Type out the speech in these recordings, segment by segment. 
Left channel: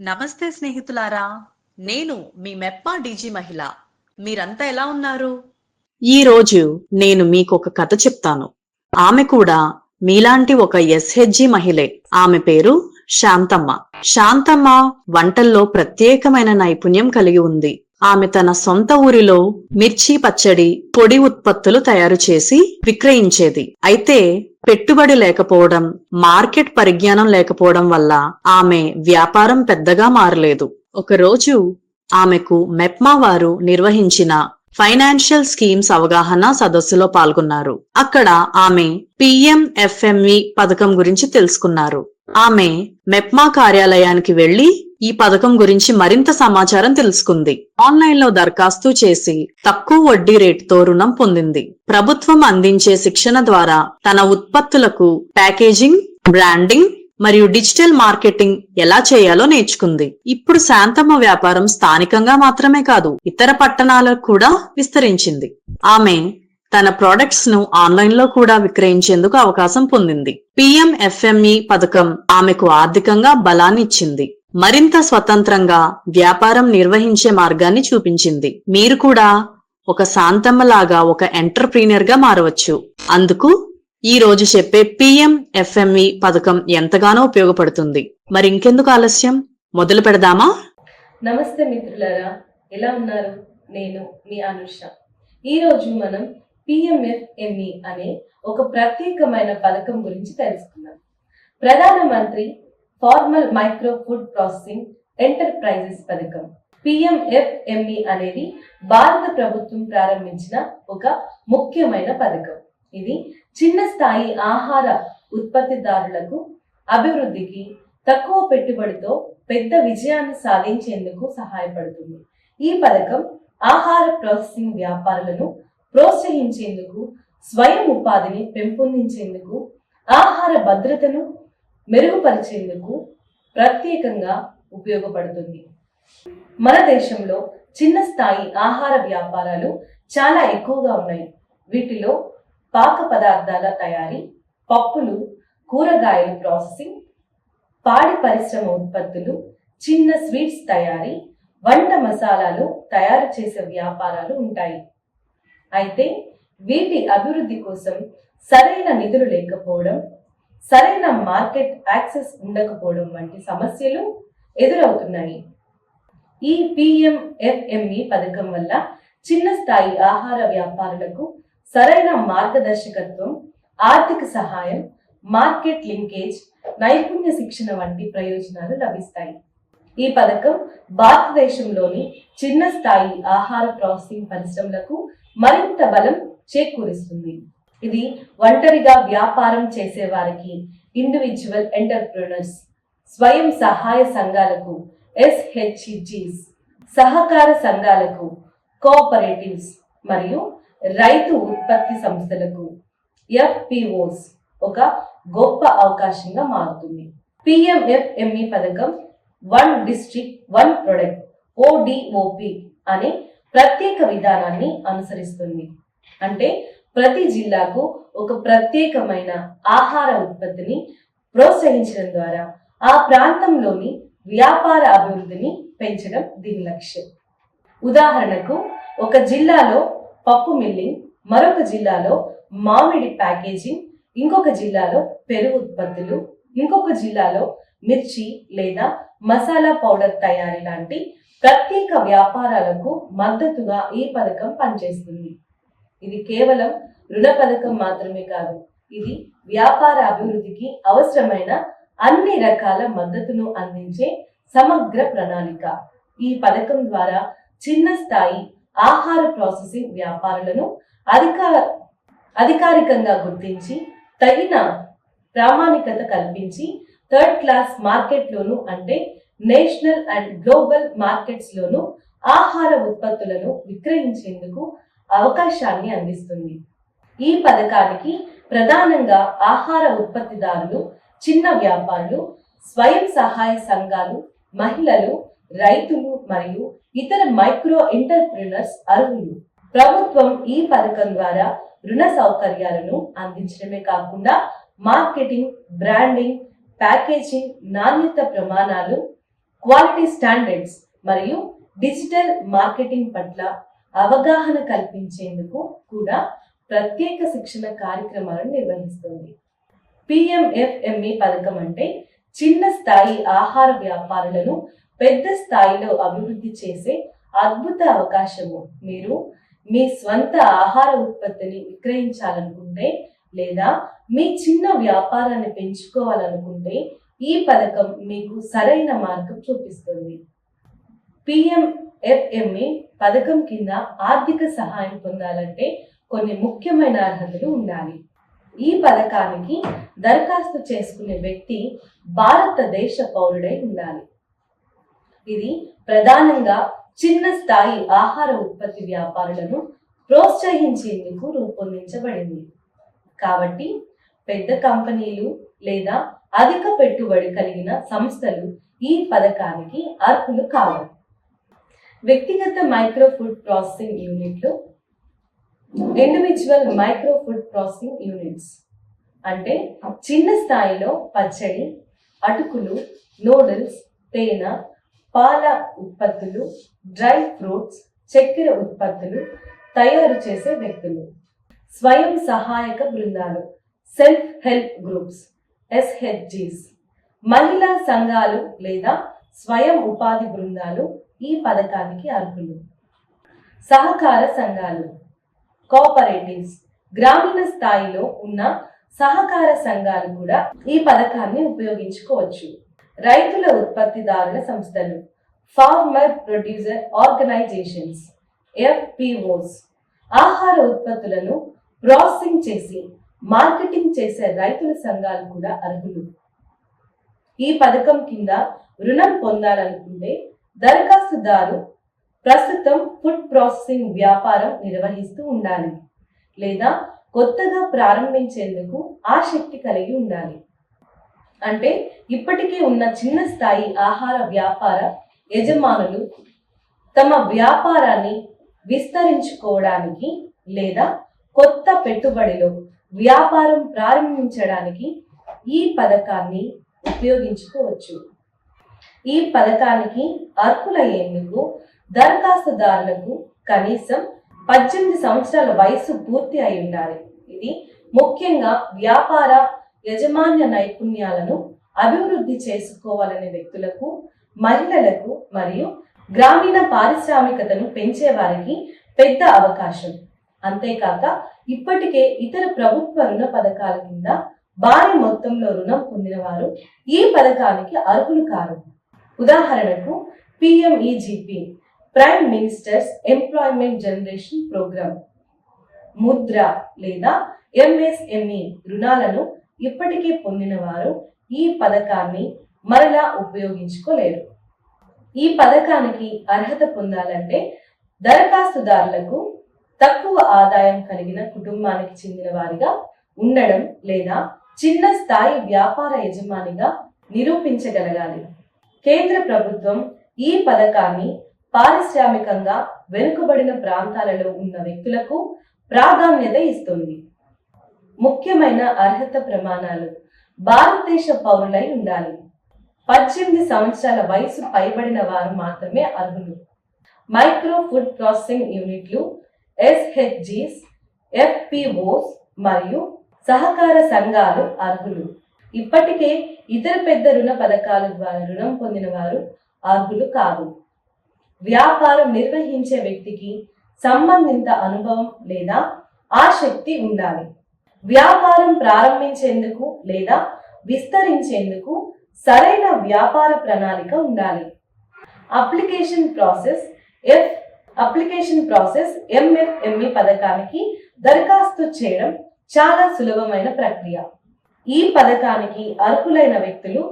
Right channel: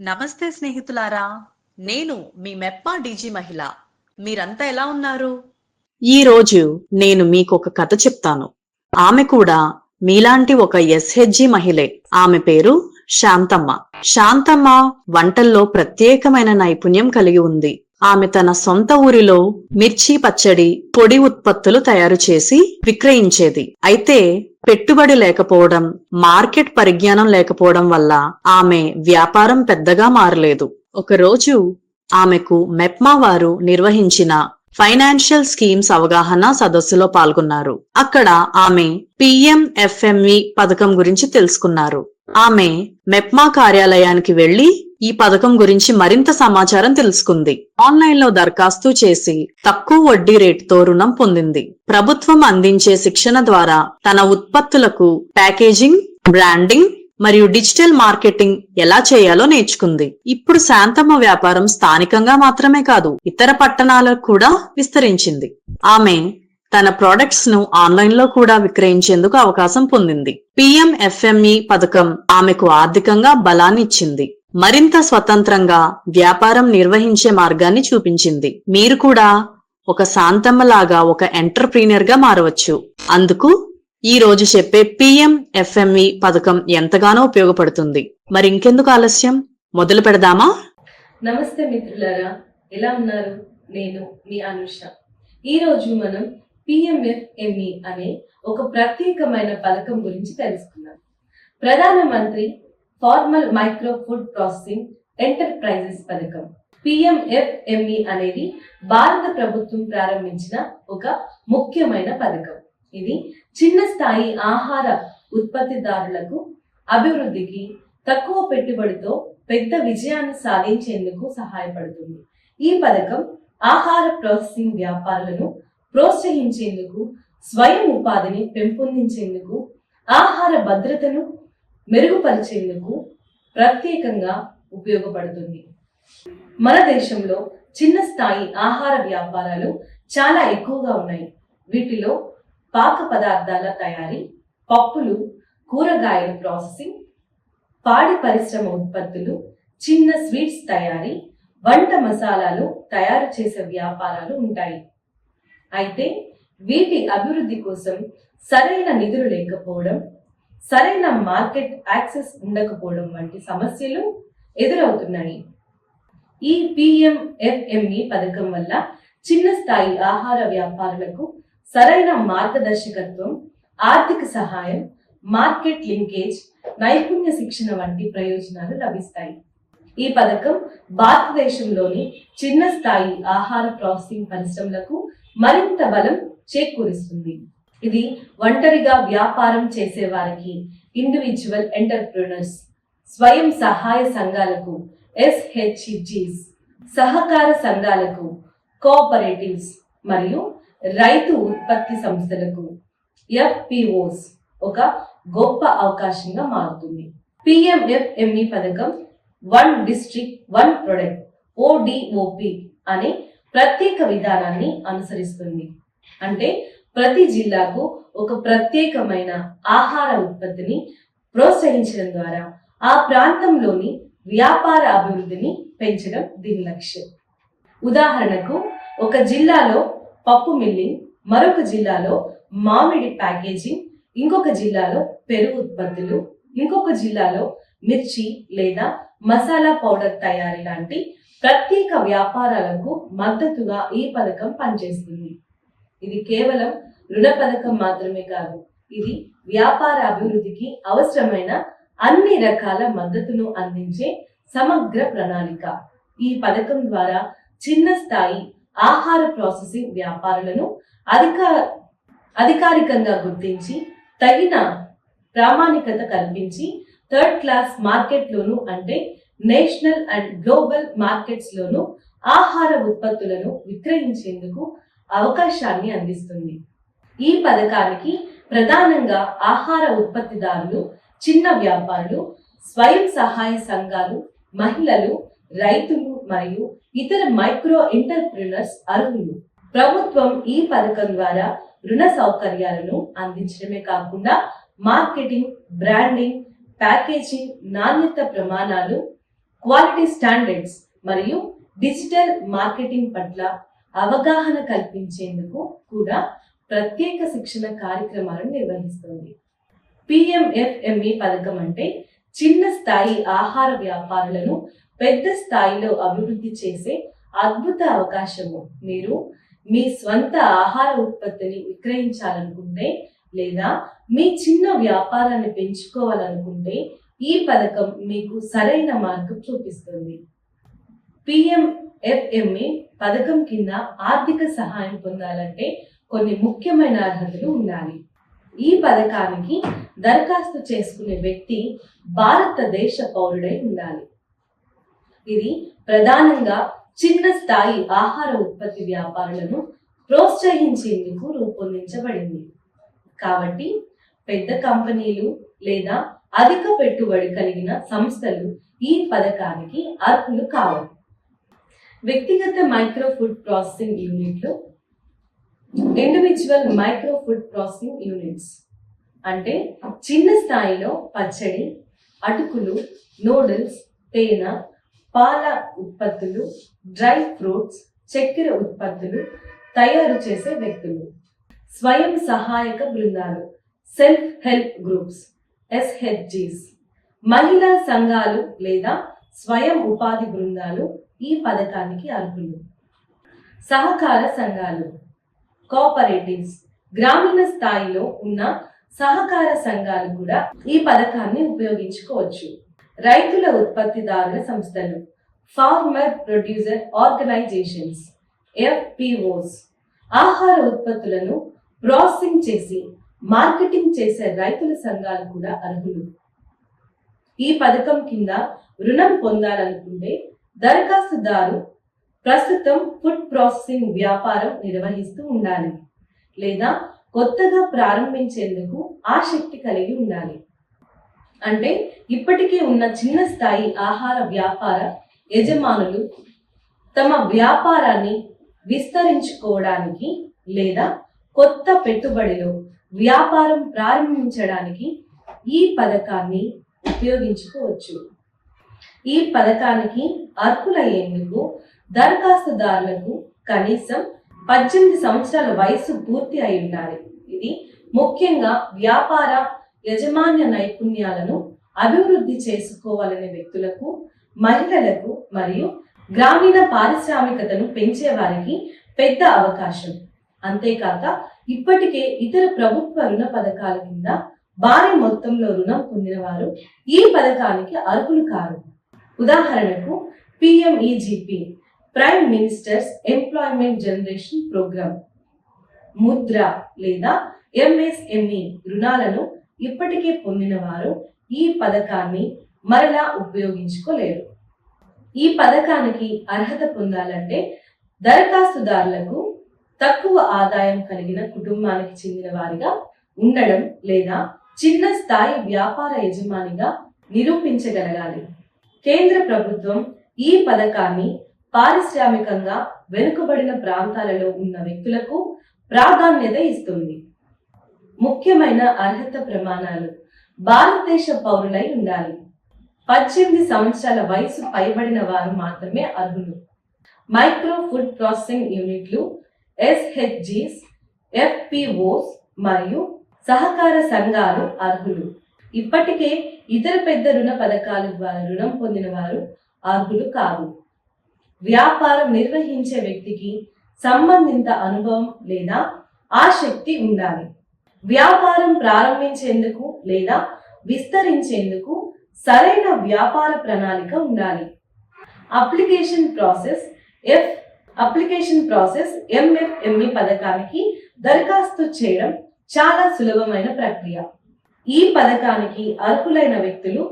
నమస్తే స్నేహితులారా నేను మీ మెప్పా డీజీ మహిళ. మీరంతా ఎలా ఉన్నారు? ఈ రోజు నేను మీకు ఒక కథ చెప్తాను. ఆమె కూడా మీలాంటి ఒక ఎస్హెచ్జి మహిళే. ఆమె పేరు శాంతమ్మ. శాంతమ్మ వంటల్లో ప్రత్యేకమైన నైపుణ్యం కలిగి ఉంది. ఆమె తన సొంత ఊరిలో మిర్చి పచ్చడి పొడి ఉత్పత్తులు తయారు చేసి విక్రయించేది. అయితే పెట్టుబడి లేకపోవడం మార్కెట్ పరిజ్ఞానం లేకపోవడం వల్ల ఆమె వ్యాపారం పెద్దగా మారలేదు. ఒకరోజు ఆమెకు మెప్మా వారు నిర్వహించిన ఫైనాన్షియల్ స్కీమ్స్ అవగాహన సదస్సులో పాల్గొన్నారు. అక్కడ ఆమె పిఎంఎఫ్ఎంఈ పథకం గురించి తెలుసుకున్నారు. ఆమె మెప్మా కార్యాలయానికి వెళ్ళి ఈ పథకం గురించి మరింత సమాచారం తెలుసుకుంది. ఆన్లైన్లో దరఖాస్తు చేసి తక్కువ వడ్డీ రేటుతో రుణం పొందింది. ప్రభుత్వం అందించే శిక్షణ ద్వారా తన ఉత్పత్తులకు ప్యాకేజింగ్ బ్రాండింగ్ మరియు డిజిటల్ మార్కెటింగ్ ఎలా చేయాలో నేర్చుకుంది. ఇప్పుడు శాంతమ్మ వ్యాపారం స్థానికంగా మాత్రమే కాదు ఇతర పట్టణాలకు కూడా విస్తరించింది. ఆమె తన ప్రొడక్ట్స్ను ఆన్లైన్లో కూడా విక్రయించేందుకు అవకాశం పొందింది. పిఎంఎఫ్ఎంఈ పథకం ఆమెకు ఆర్థికంగా బలాన్ని ఇచ్చింది మరింత స్వతంత్రంగా వ్యాపారం నిర్వహించే మార్గాన్ని చూపించింది. మీరు కూడా ఒక శాంతమ్మలాగా ఒక ఎంటర్ప్రీనియర్గా మారవచ్చు. అందుకు ఈ రోజు చెప్పే పిఎం ఎఫ్ఎంఈ పథకం ఎంతగానో ఉపయోగపడుతుంది. మరి ఇంకెందుకు ఆలస్యం? మొదలు పెడదామా? నమస్తే మిత్రులారా ఎలా ఉన్నారు? నేను మీ అనుష. ఈరోజు మనం పిఎంఎఫ్ఎంఈ అనే ఒక ప్రత్యేకమైన పథకం గురించి తెలుసుకుందాం. ప్రధానమంత్రి formal micro food processing enterprises పథకం. పిఎంఎఫ్ఎంఈ అనేది భారత ప్రభుత్వం ప్రారంభించిన ఒక ముఖ్యమైన పథకం. ఇది చిన్న స్థాయి ఆహార ఉత్పత్తిదారులకు అభివృద్ధికి తక్కువ పెట్టుబడితో పెద్ద విజయాన్ని సాధించేందుకు సహాయపడుతుంది. ఈ పథకం ఆహార ప్రాసెసింగ్ వ్యాపారులను ప్రోత్సహించేందుకు స్వయం ఉపాధిని పెంపొందించేందుకు ఆహార భద్రతను మెరుగుపరిచేందుకు ప్రత్యేకంగా ఉపయోగపడుతుంది. మన దేశంలో చిన్న స్థాయి ఆహార వ్యాపారాలు చాలా ఎక్కువగా ఉన్నాయి. వీటిలో పాక పదార్థాల తయారీ పప్పులు కూరగాయల ప్రాసెసింగ్ పాడి పరిశ్రమ ఉత్పత్తులు చిన్న స్వీట్స్ తయారీ వంట మసాలాలు తయారు చేసే వ్యాపారాలు ఉంటాయి. అయితే వీటి అభివృద్ధి కోసం సరైన నిధులు లేకపోవడం సరైన మార్కెట్ యాక్సెస్ ఉండకపోవడం వంటి సమస్యలు ఎదురవుతున్నాయి. ఈ పిఎంఎఫ్ఎంఈ పథకం వల్ల చిన్న స్థాయి ఆహార వ్యాపారులకు సరైన మార్గదర్శకత్వం ఆర్థిక సహాయం మార్కెట్ లింకేజ్ నైపుణ్య శిక్షణ వంటి ప్రయోజనాలు లభిస్తాయి. ఈ పథకం భారతదేశంలోని చిన్న స్థాయి ఆహార ప్రాసెసింగ్ పరిశ్రమలకు మరింత బలం చేకూరుస్తుంది. ఇది ఒంటరిగా వ్యాపారం చేసేవారికి ఇండివిజువల్ ఎంటర్ప్రినర్స్ స్వయం సహాయ సంఘాలకు ఎస్హెచ్జిస్ సహకార సంఘాలకు కోఆపరేటివ్స్ మరియు రైతు ఉత్పత్తి సంస్థలకు ఎఫ్పిఓస్ ఒక గొప్ప అవకాశంగా మారుతుంది. పిఎంఎఫ్ఎంఈ పథకం one district one product ODOP అనే ప్రత్యేక విధానాన్ని అనుసరిస్తుంది. అంటే ప్రతి జిల్లాకు ఒక ప్రత్యేకమైన ఆహార ఉత్పత్తిని ప్రోత్సహించడం ద్వారా ఆ ప్రాంతంలోని వ్యాపార అభివృద్ధిని పెంచడం దీని లక్ష్యం. ఉదాహరణకు ఒక జిల్లాలో పప్పు మిల్లింగ్ మరొక జిల్లాలో మామిడి ప్యాకేజింగ్ ఇంకొక జిల్లాలో పెరుగు ఉత్పత్తులు ఇంకొక జిల్లాలో మిర్చి లేదా మసాలా పౌడర్ తయారీ లాంటి ప్రత్యేక వ్యాపారాలకు మద్దతుగా ఈ పథకం పనిచేస్తుంది. ఇది కేవలం రుణ పథకం మాత్రమే కాదు ఇది వ్యాపార అభివృద్ధికి అవసరమైన అన్ని రకాల మద్దతును అందించే సమగ్ర ప్రణాళిక. ఈ పథకం ద్వారా చిన్న స్థాయి ఆహార ప్రాసెసింగ్ వ్యాపారులను అధిక అధికారికంగా గుర్తించి తగిన ప్రామాణికత కల్పించి థర్డ్ క్లాస్ మార్కెట్లోను అంటే నేషనల్ అండ్ గ్లోబల్ మార్కెట్స్లోను ఆహార ఉత్పత్తులను విక్రయించేందుకు అవకాశాన్ని అందిస్తుంది. ఈ పథకానికి ప్రధానంగా ఆహార ఉత్పత్తిదారులు చిన్న వ్యాపారులు స్వయం సహాయ సంఘాలు మహిళలు రైతులు మరియు ఇతర మైక్రో ఎంటర్ప్రినర్స్ అర్హులు. ప్రభుత్వం ఈ పథకం ద్వారా రుణ సౌకర్యాలను అందించడమే కాకుండా మార్కెటింగ్ బ్రాండింగ్ ప్యాకేజింగ్ నాణ్యత ప్రమాణాలు క్వాలిటీ స్టాండర్డ్స్ మరియు డిజిటల్ మార్కెటింగ్ పట్ల అవగాహన కల్పించేందుకు కూడా ప్రత్యేక శిక్షణ కార్యక్రమాలను నిర్వహిస్తుంది. పిఎంఎఫ్ఎంఈ పథకం అంటే చిన్న స్థాయి ఆహార వ్యాపారులను పెద్ద స్థాయిలో అభివృద్ధి చేసే అద్భుత అవకాశము. మీరు మీ స్వంత ఆహార ఉత్పత్తిని విక్రయించాలనుకుంటే లేదా మీ చిన్న వ్యాపారాన్ని పెంచుకోవాలనుకుంటే ఈ పథకం మీకు సరైన మార్గం చూపిస్తుంది. ఎఫ్ఎంఏ పథకం కింద ఆర్థిక సహాయం పొందాలంటే కొన్ని ముఖ్యమైన అర్హతలు ఉండాలి. ఈ పథకానికి దరఖాస్తు చేసుకునే వ్యక్తి భారతదేశ పౌరుడై ఉండాలి. ఇది ప్రధానంగా చిన్న స్థాయి ఆహార ఉత్పత్తి వ్యాపారులను ప్రోత్సహించేందుకు రూపొందించబడింది. కాబట్టి పెద్ద కంపెనీలు లేదా అధిక పెట్టుబడి కలిగిన సంస్థలు ఈ పథకానికి అర్హులు కావాలి. వ్యక్తిగత మైక్రో ఫుడ్ ప్రాసెసింగ్ యూనిట్లు individual micro food processing units. అంటే చిన్న స్థాయిలో పచ్చడి అటుకులు నూడిల్స్ తేనె పాల ఉత్పత్తులు డ్రై ఫ్రూట్స్ చక్కెర ఉత్పత్తులు తయారు చేసే వ్యక్తులు. స్వయం సహాయక బృందాలు సెల్ఫ్ హెల్ప్ గ్రూప్స్ ఎస్హెచ్జీస్. మహిళా సంఘాలు లేదా స్వయం ఉపాధి బృందాలు ఈ పథకానికి అర్హులు. సహకార సంఘాలు. కోఆపరేటివ్స్. గ్రామీణ స్థాయిలో ఉన్న సహకార సంఘాలు కూడా ఈ పథకాన్ని ఉపయోగించుకోవచ్చు. రైతుల ఉత్పత్తిదారుల సంస్థలు. Farmer producer organisations. ఎఫ్పిఓస్. ఆహార ఉత్పత్తులను ప్రాసెసింగ్ చేసి మార్కెటింగ్ చేసే రైతుల సంఘాలు కూడా అర్హులు. ఈ పథకం కింద రుణం పొందాలనుకుంటే దరఖాస్తుదారు ప్రస్తుతం ఫుడ్ ప్రాసెసింగ్ వ్యాపారం నిర్వహిస్తూ ఉండాలి లేదా కొత్తగా ప్రారంభించేందుకు ఆసక్తి కలిగి ఉండాలి. అంటే ఇప్పటికే ఉన్న చిన్న స్థాయి ఆహార వ్యాపార యజమానులు తమ వ్యాపారాన్ని విస్తరించుకోవడానికి లేదా కొత్త పెట్టుబడిలో వ్యాపారం ప్రారంభించడానికి ఈ పథకాన్ని ఉపయోగించుకోవచ్చు. ఈ పథకానికి అర్హులయ్యేందుకు దరఖాస్తుదారులకు కనీసం పద్దెనిమిది సంవత్సరాల వయసు పూర్తి అయి ఉండాలి. ఇది ముఖ్యంగా వ్యాపార యజమాన్య నైపుణ్యాలను అభివృద్ధి చేసుకోవాలనే వ్యక్తులకు మహిళలకు మరియు గ్రామీణ పారిశ్రామికతను పెంచే వారికి పెద్ద అవకాశం. అంతేకాక ఇప్పటికే ఇతర ప్రభుత్వ రుణ పథకాల కింద భారీ మొత్తంలో రుణం పొందిన వారు ఈ పథకానికి అర్హులు కారు. ఉదాహరణకు PMEGP prime minister's employment generation programme. Mudra లేదా ఎంఎస్ఎంఈ రుణాలను ఇప్పటికే పొందిన వారు ఈ పథకాన్ని మరలా ఉపయోగించుకోలేరు. ఈ పథకానికి అర్హత పొందాలంటే దరఖాస్తుదారులకు తక్కువ ఆదాయం కలిగిన కుటుంబానికి చెందిన వారిగా ఉండడం లేదా చిన్న స్థాయి వ్యాపార యజమానిగా నిరూపించగలగాలి. కేంద్ర ప్రభుత్వం ఈ పథకాన్ని పారిశ్రామికంగా వెనుకబడిన ప్రాంతాలలో ఉన్న వ్యక్తులకు ప్రాధాన్యత ఇస్తుంది. ముఖ్యమైన అర్హత ప్రమాణాలు భారతదేశ పౌరులై ఉండాలి. పద్దెనిమిది సంవత్సరాల వయసు పైబడిన వారు మాత్రమే అర్హులు. మైక్రో ఫుడ్ ప్రాసెసింగ్ యూనిట్లు ఎస్హెచ్జిస్ ఎఫ్పిఓస్ మరియు సహకార సంఘాలు అర్హులు. ఇప్పటికే ఇతర పెద్ద రుణ పథకాల ద్వారా రుణం పొందిన వారు అర్హులు కాదు వ్యాపారం నిర్వహించే వ్యక్తికి సంబంధిత అనుభవం లేదా ఆసక్తి ఉండాలి. వ్యాపారం ప్రారంభించేందుకు లేదా విస్తరించేందుకు సరైన వ్యాపార ప్రణాళిక ఉండాలి. Application process F application process MFME పథకానికి దరఖాస్తు చేయడం చాలా సులభమైన ప్రక్రియ. ఈ పథకానికి అర్హులైన వ్యక్తులు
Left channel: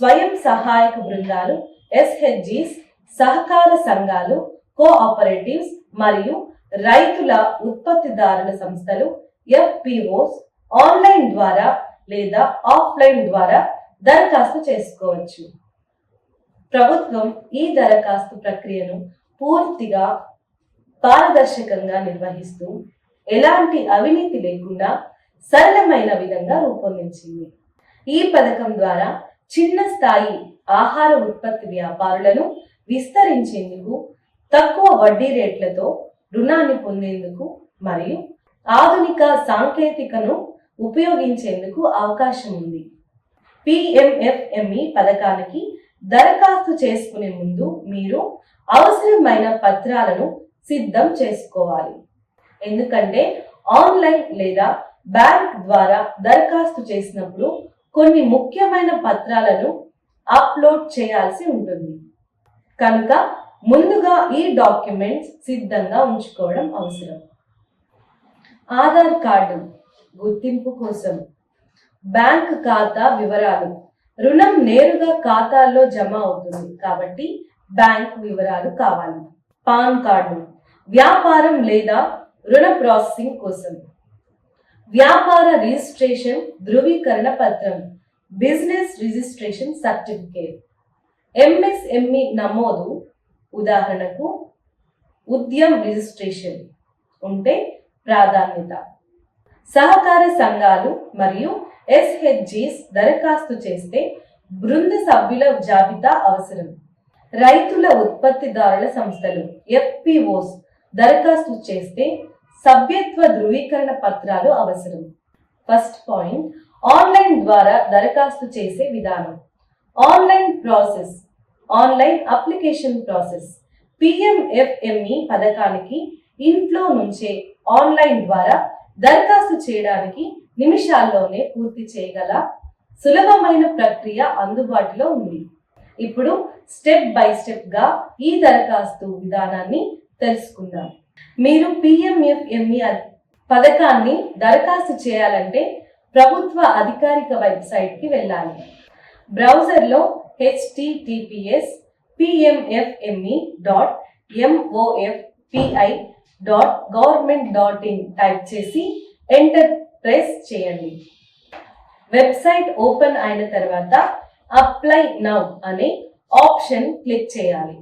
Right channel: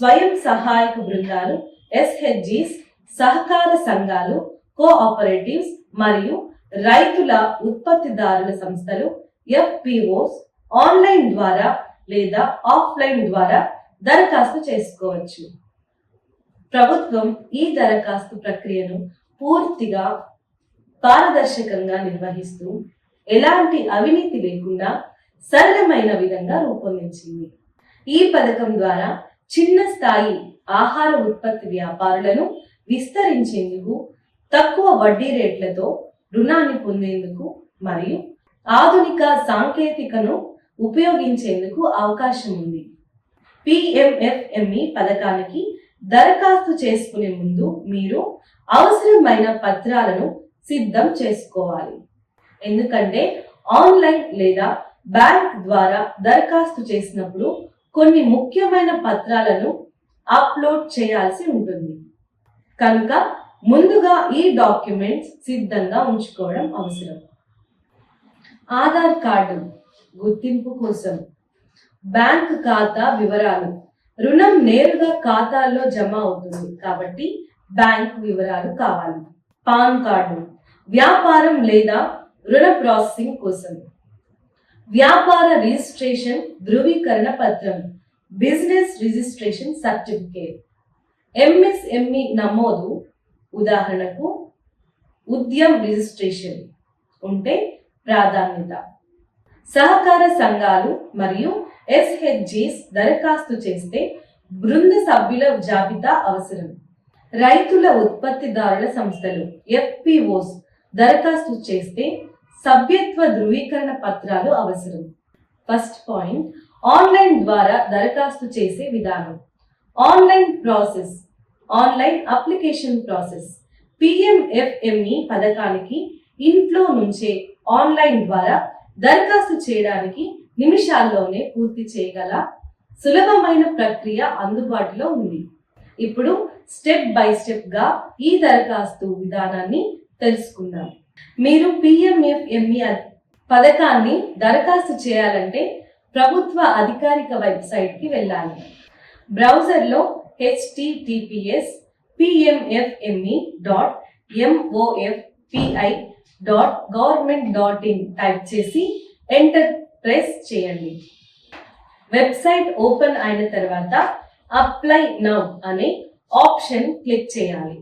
స్వయం సహాయక బృందాలు ఎస్హెచ్జిస్ సహకార సంఘాలు కోఆపరేటివ్స్ మరియు రైతుల ఉత్పత్తిదారుల సంస్థలు ఎఫ్పిఓస్ ఆన్లైన్ ద్వారా లేదా ఆఫ్లైన్ ద్వారా దరఖాస్తు చేసుకోవచ్చు. ప్రభుత్వం ఈ దరఖాస్తు ప్రక్రియను పూర్తిగా పారదర్శకంగా నిర్వహిస్తూ ఎలాంటి అవినీతి లేకుండా సరళమైన విధంగా రూపొందించింది. ఈ పథకం ద్వారా చిన్న స్థాయి ఆహార ఉత్పత్తి వ్యాపారులను విస్తరించేందుకు తక్కువ వడ్డీ రేట్లతో రుణాన్ని పొందేందుకు మరియు ఆధునిక సాంకేతికను ఉపయోగించేందుకు అవకాశం ఉంది. పిఎంఎఫ్ఎంఈ పథకానికి దరఖాస్తు చేసుకునే ముందు మీరు అవసరమైన పత్రాలను సిద్ధం చేసుకోవాలి. ఎందుకంటే ఆన్లైన్ లేదా బ్యాంక్ ద్వారా దరఖాస్తు చేసినప్పుడు కొన్ని ముఖ్యమైన పత్రాలను అప్లోడ్ చేయాల్సి ఉంటుంది. కనుక ముందుగా ఈ డాక్యుమెంట్స్ సిద్ధంగా ఉంచుకోవడం అవసరం. ఆధార్ కార్డు గుర్తింపు కోసం బ్యాంక్ ఖాతా వివరాలు రుణం నేరుగా ఖాతాలో జమ అవుతుంది కాబట్టి బ్యాంక్ వివరాలు కావాలి. పాన్ కార్డు వ్యాపారం లేదా రుణ ప్రాసెసింగ్ కోసం వ్యాపార రిజిస్ట్రేషన్ ధృవీకరణ పత్రం బిజినెస్ రిజిస్ట్రేషన్ సర్టిఫికేట్. ఎంఎస్ఎంఈ నమోదు ఉదాహరణకు ఉద్యమ్ రిజిస్ట్రేషన్ ఉంటే ప్రాధాన్యత. సహకార సంఘాలు మరియు ఎస్హెచ్జిస్ దరఖాస్తు చేస్తే బృంద సభ్యుల జాబితా అవసరం. రైతుల ఉత్పత్తిదారుల సంస్థలు ఎఫ్పిఓస్ దరఖాస్తు చేస్తే సభ్యత్వ ధృవీకరణ పత్రాలు అవసరం. ఫస్ట్ పాయింట్ ఆన్లైన్ ద్వారా దరఖాస్తు చేసే విధానం. Online process online application process PMFME పథకానికి ఇంట్లో నుంచే ఆన్లైన్ ద్వారా దరఖాస్తు చేయడానికి నిమిషాల్లోనే పూర్తి చేయగల సులభమైన ప్రక్రియ అందుబాటులో ఉంది. ఇప్పుడు స్టెప్ బై స్టెప్గా ఈ దరఖాస్తు విధానాన్ని తెలుసుకుందాం. మీరు పిఎంఎఫ్ఎంఈ పథకాన్ని దరఖాస్తు చేయాలంటే ప్రభుత్వ అధికారిక వెబ్సైట్కి వెళ్ళాలి. బ్రౌజర్లో HTTPS PMFME dot MOFPI dot government dot in type చేసి ఎంటర్ ప్రెస్ చేయండి. వెబ్సైట్ ఓపెన్ అయిన తర్వాత అప్లై నౌ అనే ఆప్షన్ క్లిక్ చేయాలి.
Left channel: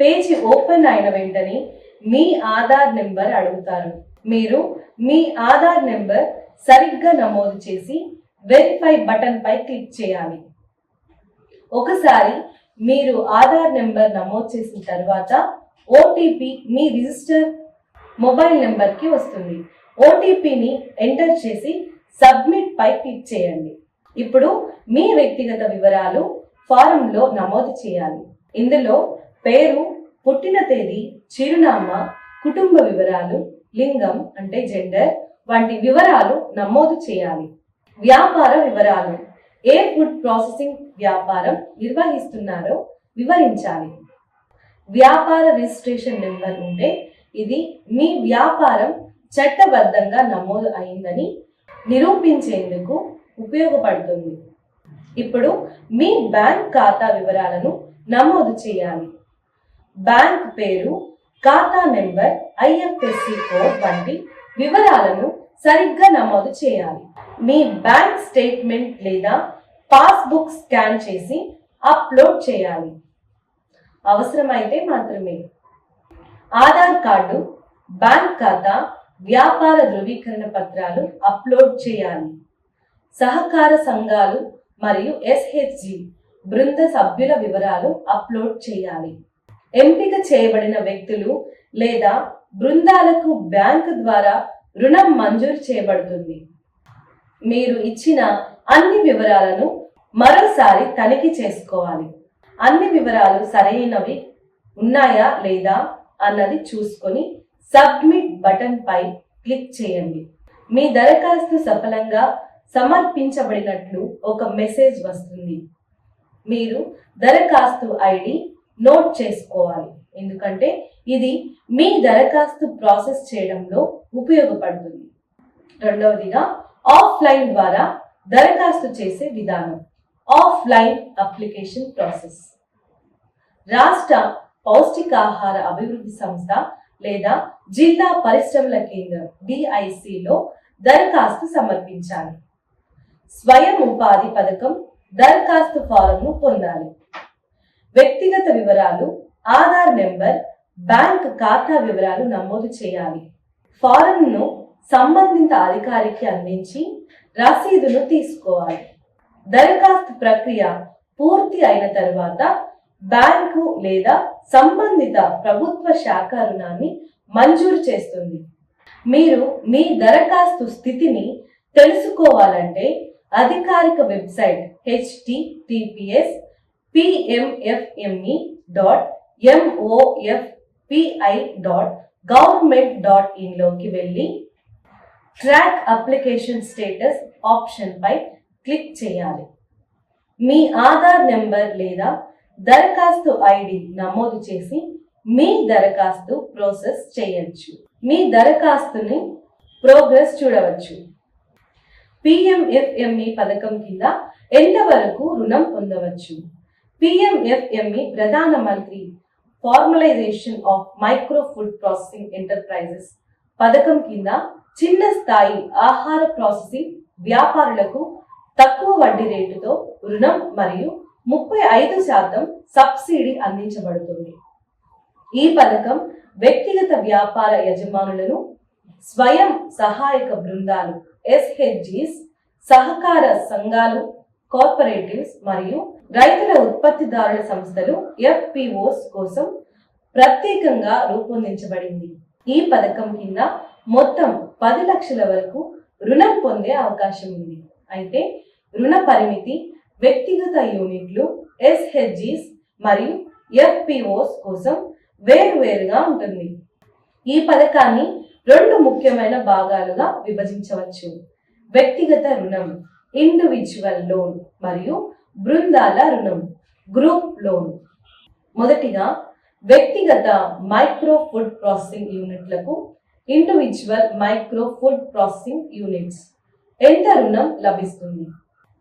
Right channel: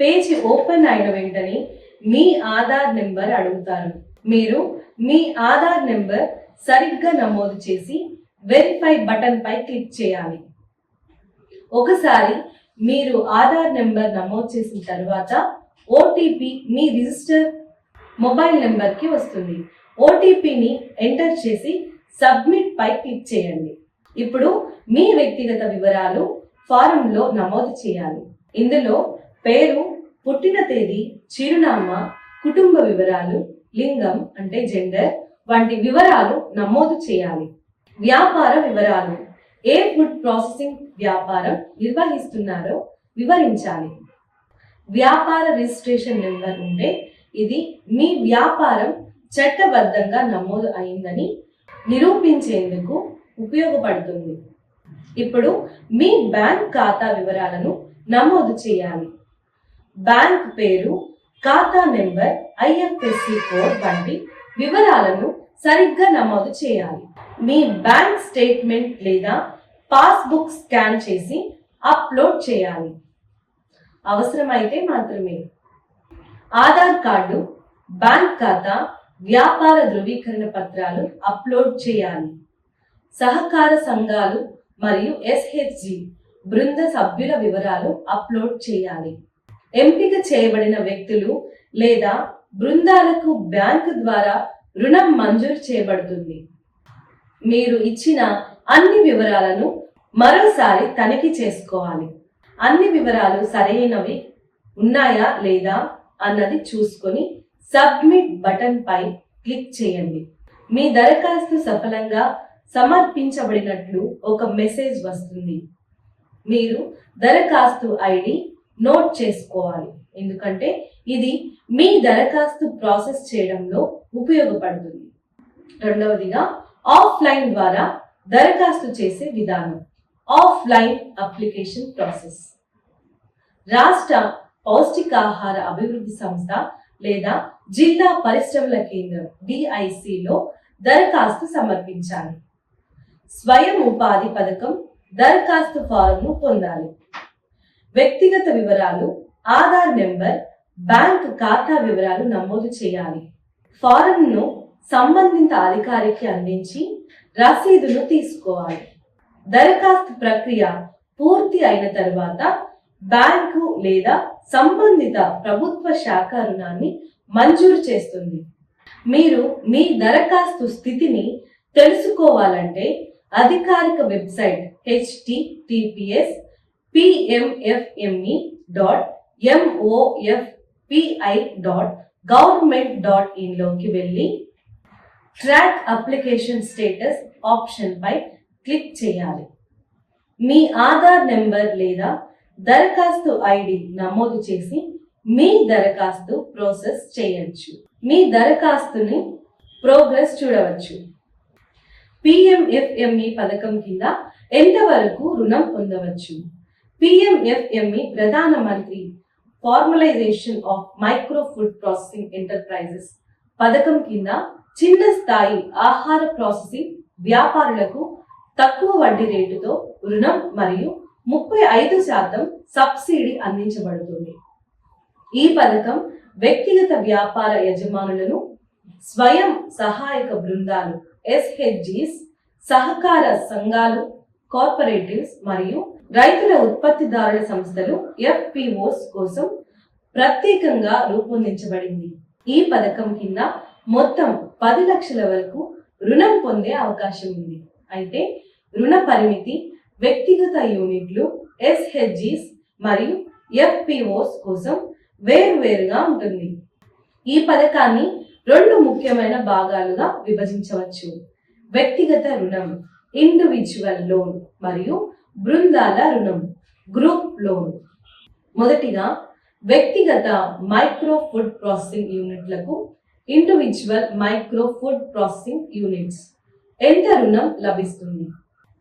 పేజీ ఓపెన్ అయిన వెంటనే మీ ఆధార్ నెంబర్ అడుగుతారు. మీరు మీ ఆధార్ నెంబర్ సరిగ్గా నమోదు చేసి వెరిఫై బటన్ పై క్లిక్ చేయాలి. ఒకసారి మీరు ఆధార్ నెంబర్ నమోదు చేసిన తర్వాత ఓటీపీ మీ రిజిస్టర్ మొబైల్ నెంబర్కి వస్తుంది. ఓటీపీని ఎంటర్ చేసి సబ్మిట్ పై క్లిక్ చేయండి. ఇప్పుడు మీ వ్యక్తిగత వివరాలు ఫారంలో నమోదు చేయాలి. ఇందులో పేరు పుట్టిన తేదీ చిరునామా కుటుంబ వివరాలు లింగం అంటే జెండర్ వంటి వివరాలు నమోదు చేయాలి. వ్యాపార వివరాలు. ఏ ఫుడ్ ప్రాసెసింగ్ వ్యాపారం నిర్వహిస్తున్నారో వివరించాలి. వ్యాపార రిజిస్ట్రేషన్ నెంబర్ ఉంటే ఇది మీ వ్యాపారం చట్టబద్ధంగా నమోదు అయిందని నిరూపించేందుకు ఉపయోగపడుతుంది. ఇప్పుడు మీ బ్యాంక్ ఖాతా వివరాలను నమోదు చేయాలి. బ్యాంక్ పేరు ఖాతా నెంబర్ ఐఎఫ్ఎస్సి కోడ్ వంటి వివరాలను సరిగ్గా నమోదు చేయాలి. మీ బ్యాంక్ స్టేట్మెంట్ లేదా పాస్బుక్ స్కాన్ చేసి అప్లోడ్ చేయాలి. అవసరమైతే మాత్రమే. ఆధార్ కార్డు బ్యాంక్ ఖాతా వ్యాపార ధృవీకరణ పత్రాలు అప్లోడ్ చేయాలి. సహకార సంఘాలు మరియు ఎస్హెచ్జి బృంద సభ్యుల వివరాలు అప్లోడ్ చేయాలి. ఎంపిక చేయబడిన వ్యక్తులు లేదా బృందాలకు బ్యాంకు ద్వారా రుణం మంజూరు చేయబడుతుంది. మీరు ఇచ్చిన అన్ని వివరాలను మరోసారి తనిఖీ చేసుకోవాలి. అన్ని వివరాలు సరైనవి ఉన్నాయా లేదా అన్నది చూసుకొని సబ్మిట్ బటన్ పై క్లిక్ చేయండి. మీ దరఖాస్తు సఫలంగా సమర్పించబడినట్లు ఒక మెసేజ్ వస్తుంది. మీరు దరఖాస్తు ఐడి నోట్ చేసుకోవాలి. ఎందుకంటే ఇది మీ దరఖాస్తు ప్రాసెస్ చేయడంలో ఉపయోగపడుతుంది. రెండవదిగా ఆఫ్లైన్ ద్వారా దరఖాస్తు చేసే విధానం. Offline application process. రాష్ట్ర పౌష్టికాహార అభివృద్ధి సంస్థ లేదా జిల్లా పరిశ్రమల కేంద్రం డిఐసిలో దరఖాస్తు సమర్పించాలి. స్వయం ఉపాధి పథకం దరఖాస్తు ఫారంను పొందాలి. వ్యక్తిగత వివరాలు ఆధార్ నెంబర్ బ్యాంక్ ఖాతా వివరాలు నమోదు చేయాలి. ఫారంను సంబంధిత అధికారికి అందించి రసీదును తీసుకోవాలి. దరఖాస్తు ప్రక్రియ పూర్తి అయిన తర్వాత బ్యాంకు లేదా సంబంధిత ప్రభుత్వ శాఖ రుణాన్ని మంజూరు చేస్తుంది. మీరు మీ దరఖాస్తు స్థితిని తెలుసుకోవాలంటే అధికారిక website HTTPS PMFME dot MOFPI dot government dot ఇన్లోకి వెళ్ళి ట్రాక్ అప్లికేషన్ స్టేటస్ ఆప్షన్పై క్లిక్ చేయాలి. మీ ఆధార్ నెంబర్ లేదా దరఖాస్తు ఐడి నమోదు చేసి మీ దరఖాస్తు ప్రాసెస్ చేయొచ్చు. మీ దరఖాస్తుని ప్రోగ్రెస్ చూడవచ్చు. పిఎంఎఫ్ఎంఈ పథకం కింద ఎంతవరకు రుణం పొందవచ్చు? PMFME Pradhan Mantri formalisation of micro food processing enterprises పథకం కింద చిన్న స్థాయి ఆహార ప్రాసెసింగ్ వ్యాపారులకు తక్కువ వడ్డీ రేటుతో రుణం మరియు ముప్పై ఐదు శాతం సబ్సిడీ అందించబడుతుంది. ఈ పథకం వ్యక్తిగత వ్యాపార యజమానులను స్వయం సహాయక బృందాలు ఎస్హెచ్జిస్ సహకార సంఘాలు కార్పొరేటివ్స్ మరియు రైతుల ఉత్పత్తిదారుల సంస్థలు ఎఫ్పిఓస్ కోసం ప్రత్యేకంగా రూపొందించబడింది. ఈ పథకం కింద మొత్తం పది లక్షల వరకు రుణం పొందే అవకాశం ఉంది. అయితే రుణ పరిమితి వ్యక్తిగత యూనిట్లు ఎస్హెచ్జిస్ మరియు ఎఫ్పిఓస్ కోసం వేరువేరుగా ఉంటుంది. ఈ పథకాన్ని రెండు ముఖ్యమైన భాగాలుగా విభజించవచ్చు. వ్యక్తిగత రుణం ఇండివిజువల్ లోన్ మరియు బృందాల రుణం. Group loan. మొదటిగా వ్యక్తిగత మైక్రో ఫుడ్ ప్రాసెసింగ్ యూనిట్లకు individual micro food processing units. ఎంత రుణం లభిస్తుంది?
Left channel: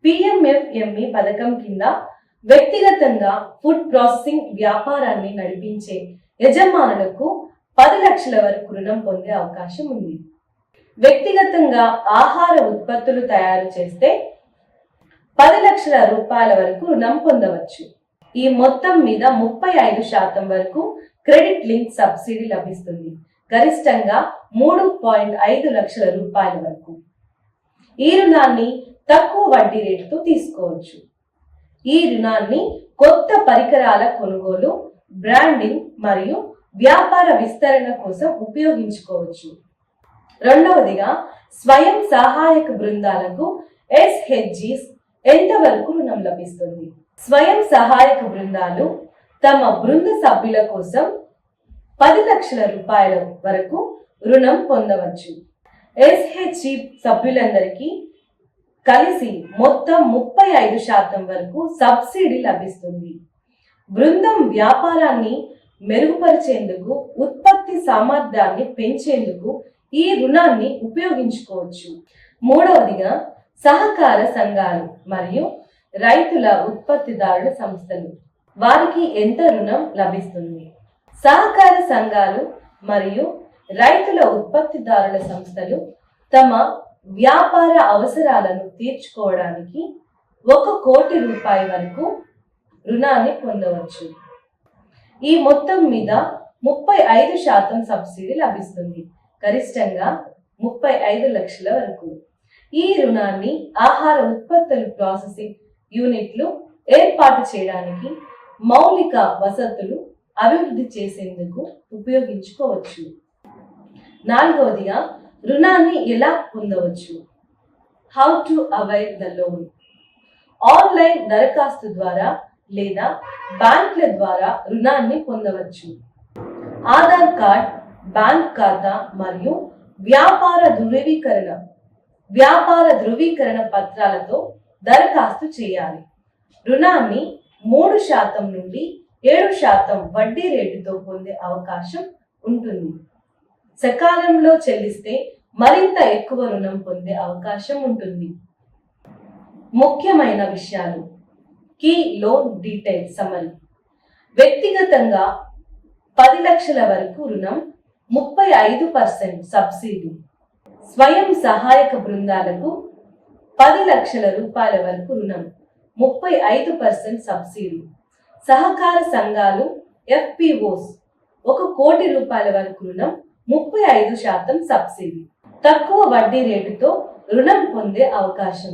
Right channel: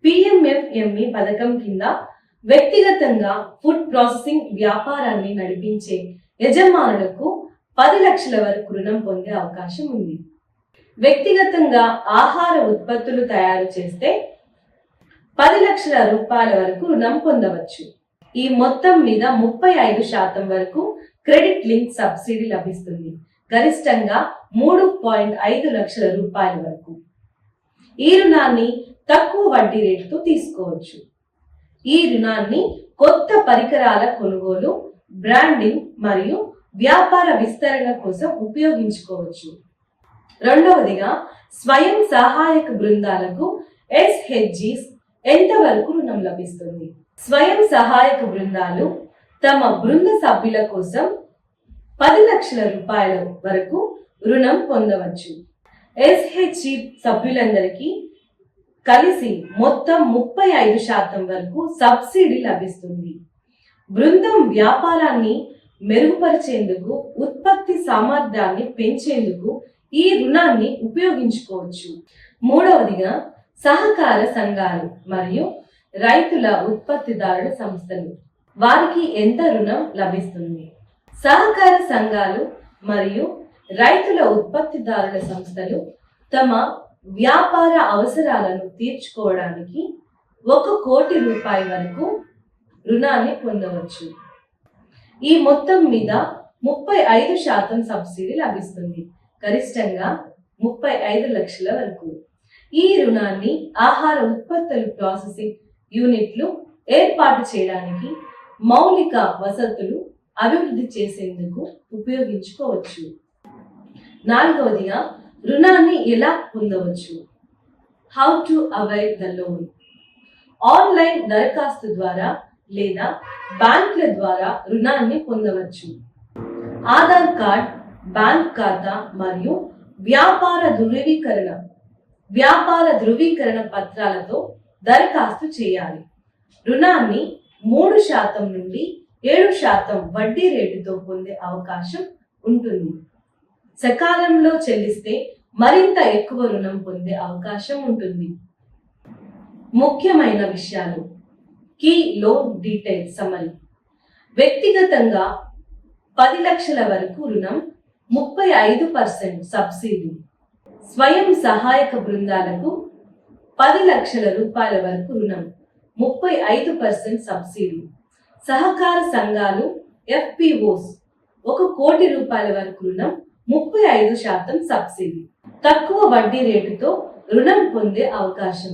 పిఎంఎఫ్ఎంఈ పథకం కింద వ్యక్తిగతంగా ఫుడ్ ప్రాసెసింగ్ వ్యాపారాన్ని నడిపించే యజమానులకు పది లక్షల వరకు రుణం పొందే అవకాశం ఉంది. వ్యక్తిగతంగా ఆహార ఉత్పత్తులు తయారు చేస్తే పది లక్షల రూపాయల వరకు రుణం పొందవచ్చు. ఈ మొత్తం మీద ముప్పై ఐదు శాతం వరకు క్రెడిట్ లింక్ సబ్సిడీ లభిస్తుంది. గరిష్టంగా మూడు పాయింట్ ఐదు లక్షల రూపాయల వరకు. ఈ రుణాన్ని తక్కువ వడ్డీ రేటుతో తీసుకోవచ్చు. ఈ రుణాన్ని కొత్త పరికరాల కొనుగోలు బ్రాండింగ్ మరియు వ్యాపార విస్తరణ కోసం ఉపయోగించుకోవచ్చు. రెండవదిగా స్వయం సహాయక బృందాలకు ఎస్హెచ్జి ఎంతవరకు రుణం లభిస్తుంది? స్వయం సహాయక బృందాలు తమ బృంద సభ్యుల కోసం పది లక్షల రూపాయల వరకు రుణం పొందవచ్చు. ఎస్హెచ్జి సభ్యులందరికీ కలిసి మొత్తం ముప్పై ఐదు శాతం వరకు సబ్సిడీ లభిస్తుంది. బృందం వ్యాపారాన్ని మెరుగుపరిచేందుకు ఉత్పత్తి సామర్థ్యాన్ని పెంచేందుకు ఈ రుణాన్ని ఉపయోగించుకోవచ్చు. మూడవదిగా సహకార సంఘాలు మరియు రైతుల ఉత్పత్తిదారుల సంస్థలు. వారికి ఎంత రుణం లభిస్తుంది? సహకార సంఘాలు మరియు రైతుల ఉత్పత్తిదారుల సంస్థలు తమ వ్యాపార అవసరాలను తీర్చుకోవడానికి ఒక కోటి రూపాయల వరకు రుణాన్ని పొందవచ్చు. ఈ మొత్తం మీద ముప్పై ఐదు శాతం సబ్సిడీ లభిస్తుంది. గరిష్టంగా ముప్పై ఐదు లక్షల వరకు. ఈ రుణాన్ని ఆహార ఉత్పత్తుల ప్రాసెసింగ్ యూనిట్లు ఏర్పాటు చేయడానికి మౌలిక వసతులు అభివృద్ధి చేసేందుకు ఉపయోగించుకోవచ్చు. నాలుగవదిగా రుణాన్ని ఎలా పొందవచ్చు? How to avoid the loan online దరఖాస్తు ద్వారా లేదా బ్యాంకుల ద్వారా రుణాన్ని పొందవచ్చు. ఆధార్ కార్డ్ బ్యాంక్ ఖాతా మరియు వ్యాపార ధృవీకరణ వ్యాపార ధృవీకరణ పత్రాలతో దరఖాస్తు చేయాలి. రుణాన్ని మూడు శాతం నుండి ఏడు శాతం వడ్డీ రేటుతో పొందే అవకాశం ఉంటుంది. సకాలంలో చెల్లిస్తే మరింత ఎక్కువ రుణం పొందే అవకాశం ఉంటుంది. ముఖ్యమైన విషయాలు. కీ లోన్ డీటెయిల్ సమరీ వ్యక్తిగతంగా పది లక్షల వరకు రుణం ముప్పై ఐదు పర్సెంట్ సబ్సిడీ. స్వయం సహాయక బృందాలకు పది లక్షల రూపాయల వరకు రుణం ముప్పై ఐదు పర్సెంట్ సబ్సిడీ. సహకార సంఘాలు ఎఫ్పిఓస్ ఒక కోటి రూపాయల వరకు రుణం ముప్పై ఐదు శాతం సబ్సిడీ. తక్కువ వడ్డీ రేటుతో రుణం పొందే అవకాశం.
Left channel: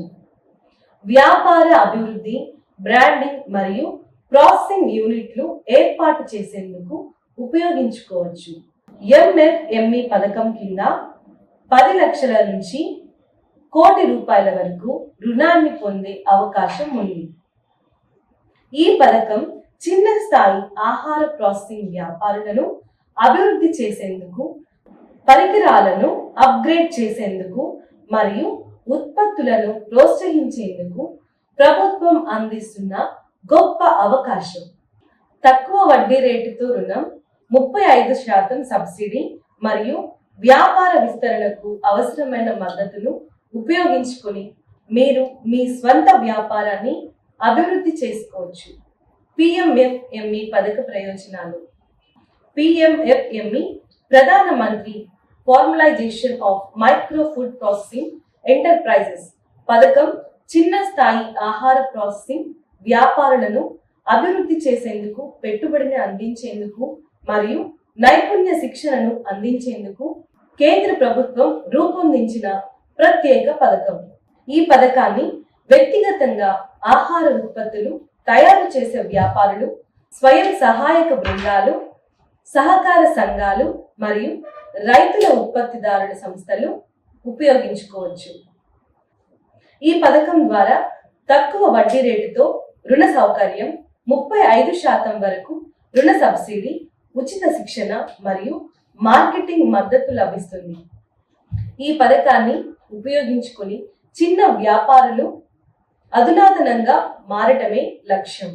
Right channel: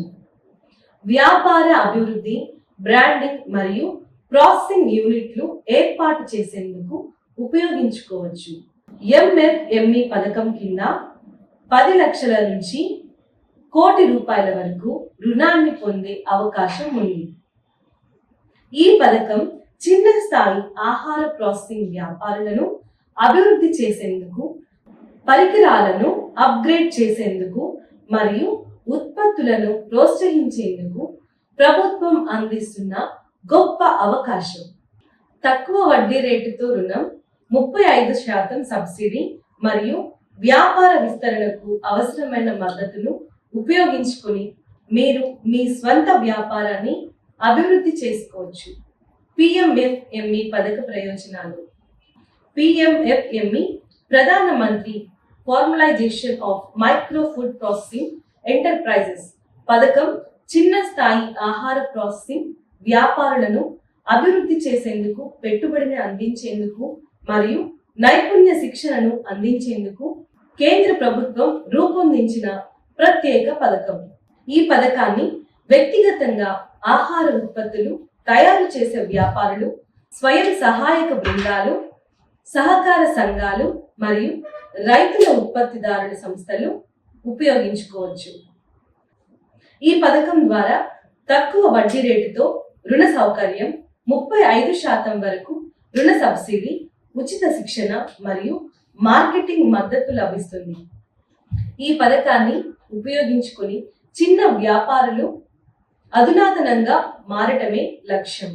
వ్యాపార అభివృద్ధి బ్రాండింగ్ మరియు ప్రాసెసింగ్ యూనిట్లు ఏర్పాటు చేసేందుకు ఉపయోగించుకోవచ్చు. ఎంఎఫ్ఎంఈ పథకం కింద పది లక్షల నుంచి కోటి రూపాయల వరకు రుణాన్ని పొందే అవకాశం ఉంది. ఈ పథకం చిన్న స్థాయి ఆహార ప్రాసెసింగ్ వ్యాపారులను అభివృద్ధి చేసేందుకు పరికరాలను అప్గ్రేడ్ చేసేందుకు మరియు ఉత్పత్తులను ప్రోత్సహించేందుకు ప్రభుత్వం అందిస్తున్న గొప్ప అవకాశం. తక్కువ వడ్డీ రేటుతో రుణం ముప్పై ఐదు శాతం సబ్సిడీ మరియు వ్యాపార విస్తరణకు అవసరమైన మద్దతును ఉపయోగించుకొని మీరు మీ స్వంత వ్యాపారాన్ని అభివృద్ధి చేసుకోవచ్చు. పిఎంఎఫ్ఎంఈ పథక ప్రయోజనాలు. PMFME Pradhan Mantri formalisation of micro food processing enterprises పథకం చిన్న స్థాయి ఆహార ప్రాసెసింగ్ వ్యాపారులను అభివృద్ధి చేసేందుకు పెట్టుబడిని అందించేందుకు మరియు నైపుణ్య శిక్షణను అందించేందుకు కేంద్ర ప్రభుత్వం రూపొందించిన ప్రత్యేక పథకం. ఈ పథకాన్ని వ్యక్తిగతంగా ఆహార ఉత్పత్తులు తయారు చేసే వ్యాపారులు స్వయం సహాయక బృందాలు సహకార సంఘాలు మరియు రైతుల ఉత్పత్తిదారుల సంస్థలు ఉపయోగించుకోవచ్చు. ఈ పథకం ద్వారా తక్కువ వడ్డీ రేటుతో రుణ సౌకర్యం ముప్పై ఐదు శాతం వరకు రుణ సబ్సిడీ ఉచిత శిక్షణ మరియు మార్కెటింగ్ మద్దతు లభిస్తుంది. ఈ పథకాన్ని ఉపయోగించుకొని చిన్న వ్యాపారులు అధునాతనంగా మారటమే లక్ష్యం.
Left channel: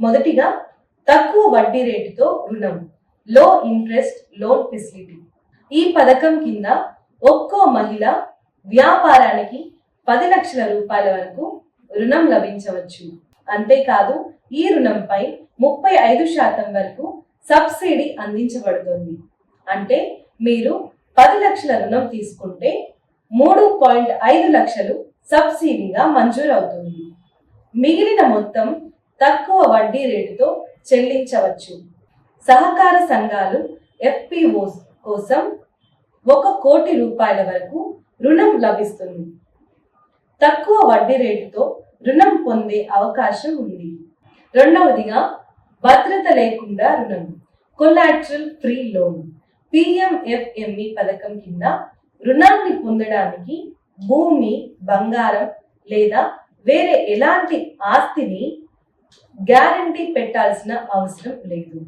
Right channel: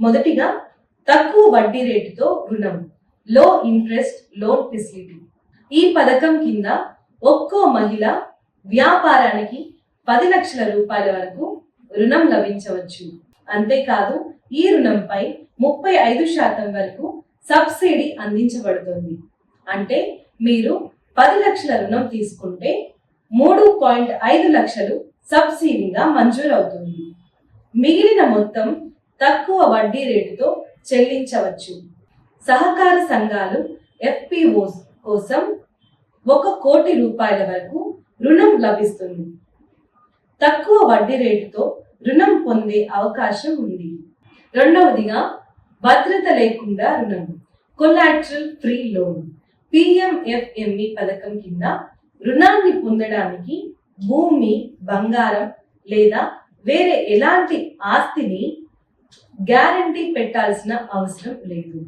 మొదటిగా తక్కువ వడ్డీ రేటుతో రుణం లో ఇంట్రెస్ట్ లోన్ ఫెసిలిటీ ఈ పథకం కింద ఒక్కో మహిళ వ్యాపారానికి పది లక్షల రూపాయల వరకు రుణం లభించవచ్చు. అంతేకాదు ఈ రుణంపై ముప్పై ఐదు శాతం వరకు సబ్సిడీ అందించబడుతుంది. అంటే మీరు పది లక్షల రుణం తీసుకుంటే మూడు పాయింట్ ఐదు లక్షలు సబ్సిడీగా మంజూరవుతుంది. మిగిలిన మొత్తం తక్కువ వడ్డీ రేటుతో చెల్లించవచ్చు. సహకార సంఘాలు ఎఫ్పిఓస్ కోసం ఒక కోటి రూపాయల వరకు రుణం లభిస్తుంది. తక్కువ వడ్డీ రేటుతో రుణం పొందే అవకాశం ఉంది. రెండవదిగా భద్రత లేకుండా రుణం. కొలాట్రల్ ఫ్రీ లోన్. పిఎంఎఫ్ఎంఈ పథకం కింద రుణాన్ని పొందడానికి భూమి బంగారం లేదా వేరే ఎలాంటి ఆస్తిని గ్యారంటీ పెట్టాల్సిన అవసరం లేదు.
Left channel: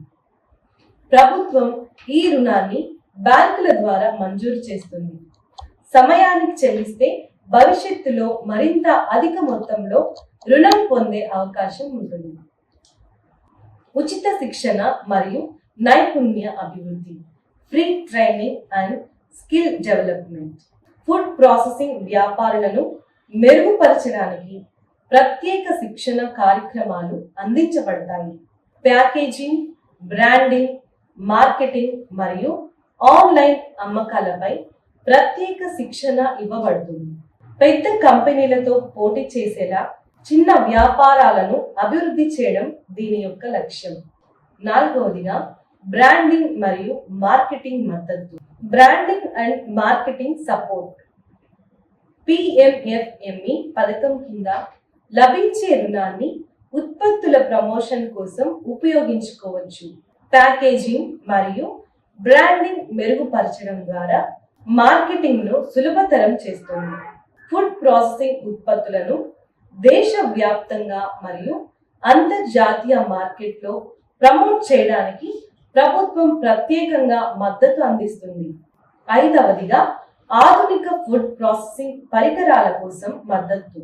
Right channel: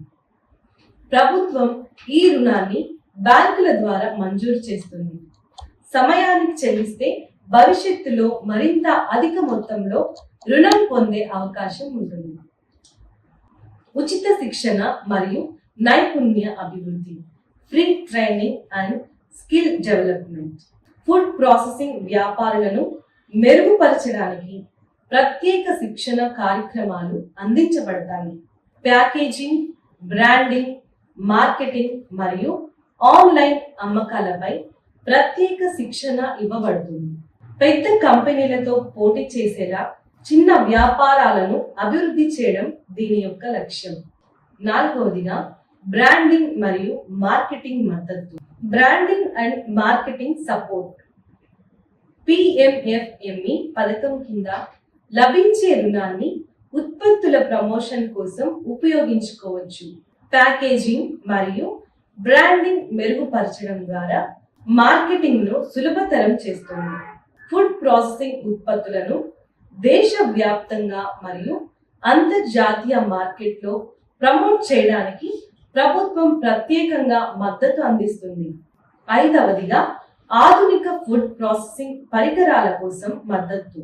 ప్రభుత్వం ఈ రుణాన్ని బ్యాంకుల ద్వారా మంజూరు చేస్తుంది. సమయానికి చెల్లిస్తే భవిష్యత్తులో మరింత అధిక మొత్తంలో రుణం పొందే అవకాశం ఉంటుంది. ఉచిత శిక్షణ మరియు నైపుణ్య అభివృద్ధి free training and skill development food processing వ్యాపారులను మెరుగుపరచడానికి ప్రత్యేక శిక్షణ కార్యక్రమాలు అందించబడతాయి. ప్యాకేజింగ్ బ్రాండింగ్ మార్కెటింగ్ మరియు ఆన్లైన్ అమ్మకాలపై ప్రత్యేక శిక్షణ ఇవ్వబడుతుంది. పెద్ద కంపెనీలతో పోటీ చేసేలా చిన్న వ్యాపారాలను అభివృద్ధి చేయడం దీని యొక్క లక్ష్యం. నాలుగవదిగా బ్రాండింగ్ మరియు మార్కెటింగ్ మద్దతు. Branding and marketing support. PMFME పథకం కింద లభించే రుణాన్ని ఉత్పత్తుల ప్రమోషన్ కోసం ఉపయోగించుకోవచ్చు. ప్యాకేజింగ్ మరియు బ్రాండింగ్ మెరుగుపరచడం ద్వారా మార్కెటింగ్ను సులభతరం చేస్తుంది. ఫుడ్ ప్రాసెసింగ్ ఉత్పత్తులను దేశవ్యాప్తంగా మరియు అంతర్జాతీయ మార్కెట్లో ప్రమోట్ చేయడానికి ప్రభుత్వం ప్రత్యేకంగా మద్దతు అందిస్తుంది. ఐదవదిగా ఆధునిక ఫుడ్ ప్రాసెసింగ్ పరికరాల కోసం మద్దతు.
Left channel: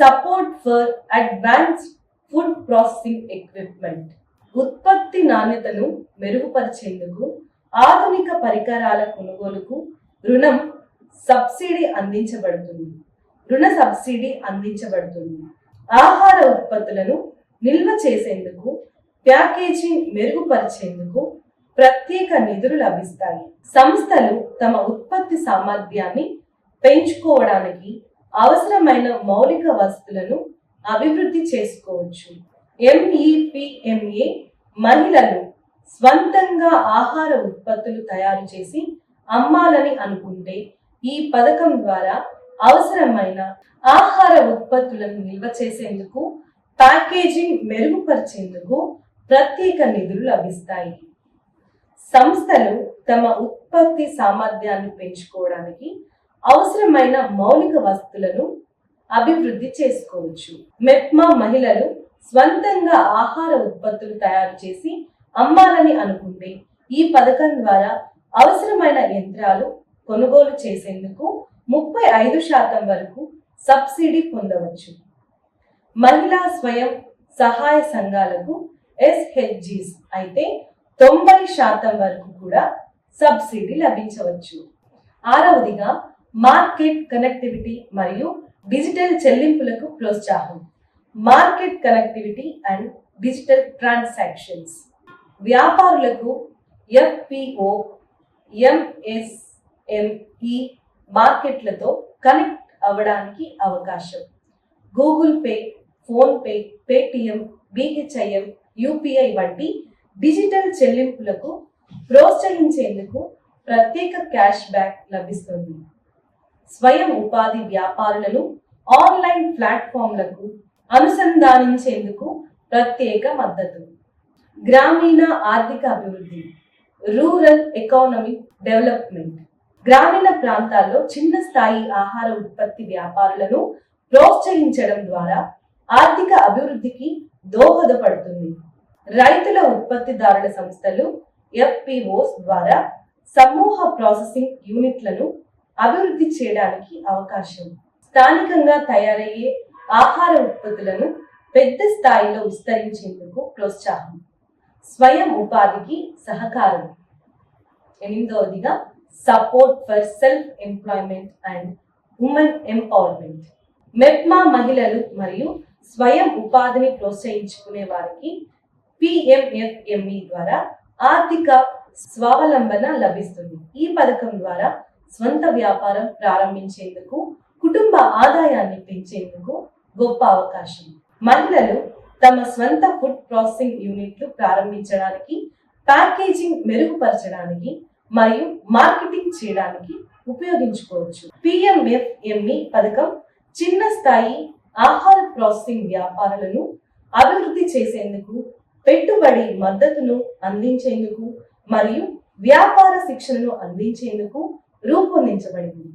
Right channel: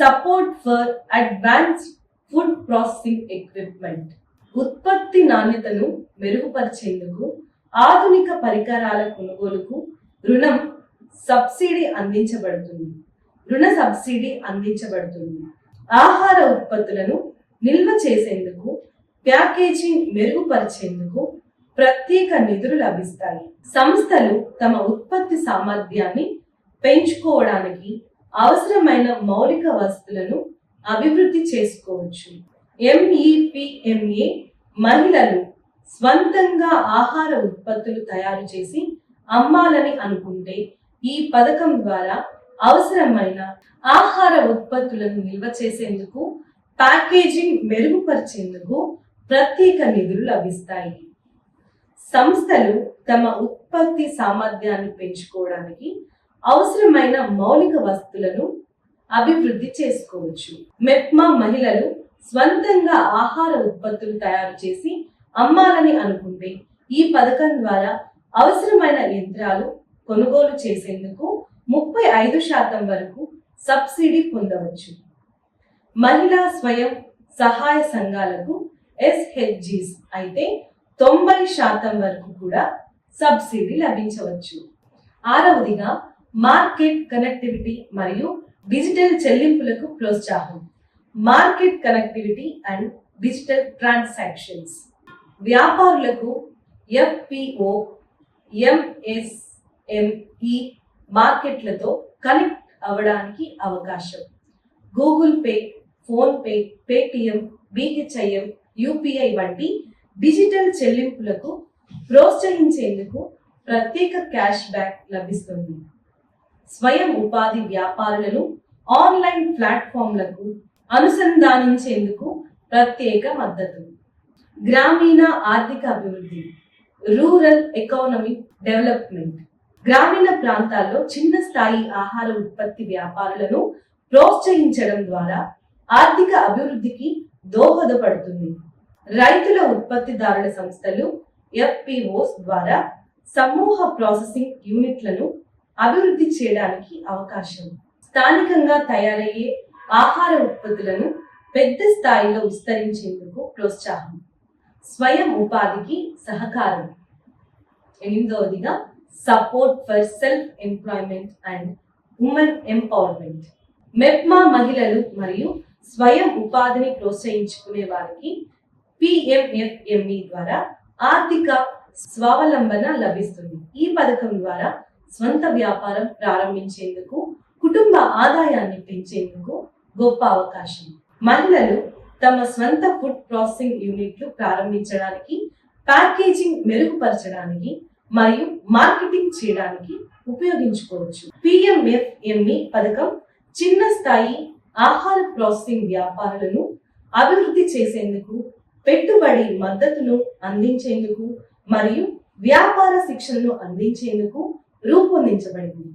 Support for advanced food processing equipment. ఉత్పత్తి నాణ్యతను మెరుగుపరిచేందుకు ఆధునిక పరికరాల కొనుగోలుకు రుణం సబ్సిడీ అందించబడుతుంది. రుణ సబ్సిడీ అందించబడుతుంది. ఆహార ఉత్పత్తులను నిల్వ చేసేందుకు ప్యాకేజింగ్ మెరుగుపరిచేందుకు ప్రత్యేక నిధులు లభిస్తాయి. సంస్థలు తమ ఉత్పత్తి సామర్థ్యాన్ని పెంచుకోవడానికి అవసరమైన మౌలిక వసతులను అభివృద్ధి చేసుకోవచ్చు. ఎంఈపిఎంఏ మహిళలు స్వంతంగా ఆహార ఉత్పత్తులు తయారు చేసి అమ్మాలని అనుకుంటే ఈ పథకం ద్వారా అవసరమైన ఆహార ఉత్పత్తులను నిల్వ చేసేందుకు ప్యాకేజింగ్ మెరుగుపరిచేందుకు ప్రత్యేక నిధులు లభిస్తాయి. సంస్థలు తమ ఉత్పత్తి సామర్థ్యాన్ని పెంచుకోవడానికి అవసరమైన మౌలిక వస్తువులను అభివృద్ధి చేసుకోవచ్చు. మెప్మా మహిళలు స్వంతంగా ఆహార ఉత్పత్తులు తయారు చేసి అమ్మాలని అనుకుంటే ఈ పథకం ద్వారా అవసరమైన యంత్రాలు కొనుగోలు చేసేందుకు ముప్పై ఐదు శాతం వరకు సబ్సిడీ పొందవచ్చు. మహిళా స్వయం సహాయ సంఘాలకు ఎస్హెచ్జిస్ అయితే తొంభై శాతం వరకు కూడా సబ్సిడీ లభించవచ్చు. ఆరవదిగా మార్కెట్ కనెక్టివిటీ మరియు డిజిటల్ చెల్లింపులకు ప్రోత్సాహం. Market connectivity and digital transactions. వ్యాపారులకు ఎఫ్పిఓ ఎంఎస్ఎంఈ మార్కెట్లతో కనెక్ట్ అవ్వడానికి అవకాశం. Google Pay PhonePe Paytm BHIM UPI వంటి డిజిటల్ చెల్లింపులకు ప్రోత్సహించేందుకు ప్రత్యేక క్యాష్ బ్యాక్ లభిస్తుంది. స్వయం ఉపాధి వ్యాపారులను ఆన్లైన్ ప్లాట్ఫామ్లకు అనుసంధానించేందుకు ప్రత్యేక మద్దతు. గ్రామీణ ఆర్థిక అభివృద్ధి రూరల్ ఎకానమిక్ డెవలప్మెంట్. గ్రామీణ ప్రాంతాల్లో చిన్న స్థాయి ఆహార ఉత్పత్తి వ్యాపారులను ప్రోత్సహించడం ద్వారా ఆర్థిక అభివృద్ధికి దోహదపడుతుంది. రైతుల ఉత్పత్తిదారుల సంస్థలు ఎఫ్పిఓస్ ద్వారా సమూహ ప్రాసెసింగ్ యూనిట్లను అభివృద్ధి చేయడానికి అవకాశం. స్థానికంగా తయారయ్యే ఆహార ఉత్పత్తులను పెద్ద స్థాయిలో విస్తరించేందుకు ప్రోత్సాహం. స్వయం ఉపాధికి సహకారం. ఎనిమిదవదిగా support for self employment and women empowerment MEPMA మహిళలు మరియు స్వయం ఉపాధిని ప్రోత్సహించుకునే వారికి పిఎంఎఫ్ఎంఈ ద్వారా ఆర్థిక స్వావలంబన లభిస్తుంది. ఈ పథకం ద్వారా స్వంత వ్యాపారం ప్రారంభించేందుకు కుటుంబ ఆదాయాన్ని పెంచేందుకు గొప్ప అవకాశం. మహిళలు తమ స్వంత ఫుడ్ ప్రాసెసింగ్ యూనిట్లు ప్రారంభించడానికి ప్యాకేజింగ్ మెరుగుపరచడానికి మరియు మార్కెటింగ్ చేయడానికి ఉపయోగించుకోవచ్చు. పిఎంఎఫ్ఎంఈ పథకం చిన్న స్థాయి ఆహార ప్రాసెసింగ్ వ్యాపారులను అభివృద్ధి చేసేందుకు పెట్టుబడి మద్దతును అందించేందుకు మరియు వ్యాపార శిక్షణను అందించేందుకు రూపొందించబడింది.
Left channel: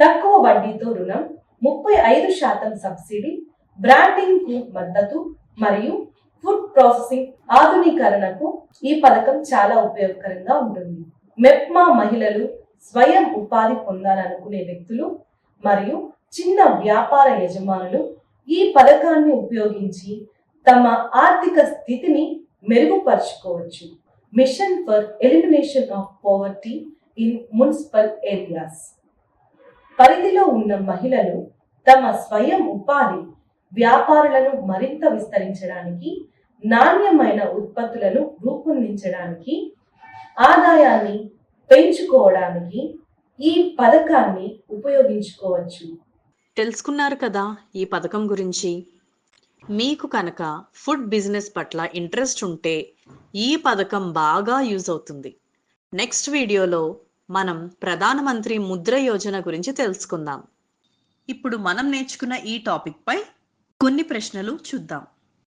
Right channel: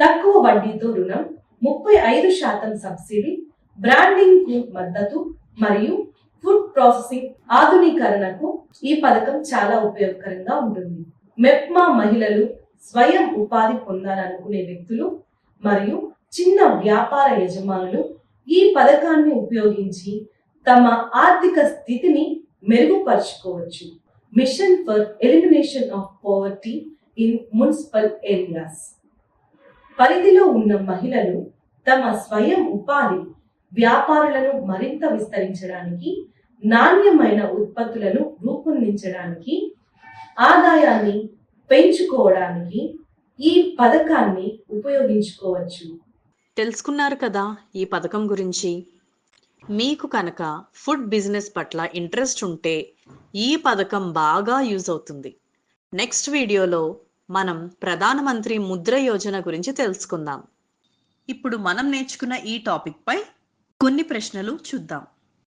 తక్కువ వడ్డీతో రుణం ముప్పై ఐదు శాతం సబ్సిడీ బ్రాండింగ్కు మద్దతు మరియు ఫుడ్ ప్రాసెసింగ్ ఆధునీకరణకు ఈ పథకం చాలా ఉపయోగకరంగా ఉంటుంది. మెప్మా మహిళలు స్వయం ఉపాధి పొందాలనుకునే వ్యక్తులు మరియు చిన్న వ్యాపార యజమానులు ఈ పథకాన్ని ఉపయోగించి తమ ఆర్థిక స్థితిని మెరుగుపరుచుకోవచ్చు. Mission for elimination of poverty in municipal areas పరిధిలో ఉన్న మహిళలు తమ స్వయం ఉపాధి వ్యాపారులను మరింత విస్తరించడానికి నాణ్యమైన ఉత్పత్తులను రూపొందించడానికి ఆదాయాన్ని పెంచుకోవడానికి ఈ పథకాన్ని ఉపయోగించుకోవచ్చు. తెలుసుకున్నారు కదా ఈ పథకం గురించి? మీకు కనుక ఫుడ్ బిజినెస్ పట్ల ఇంట్రెస్ట్ ఉంటే ఈ పథకం బాగా యూజ్ అవుతుంది. నెక్స్ట్ వీడియోలో మనం ప్రధానమంత్రి ముద్ర యోజన గురించి తెలుసుకుందాం. ఇప్పుడు మనం నేర్చుకున్న ఈ టాపిక్ పై కొన్ని ప్రశ్నలు చూద్దాం.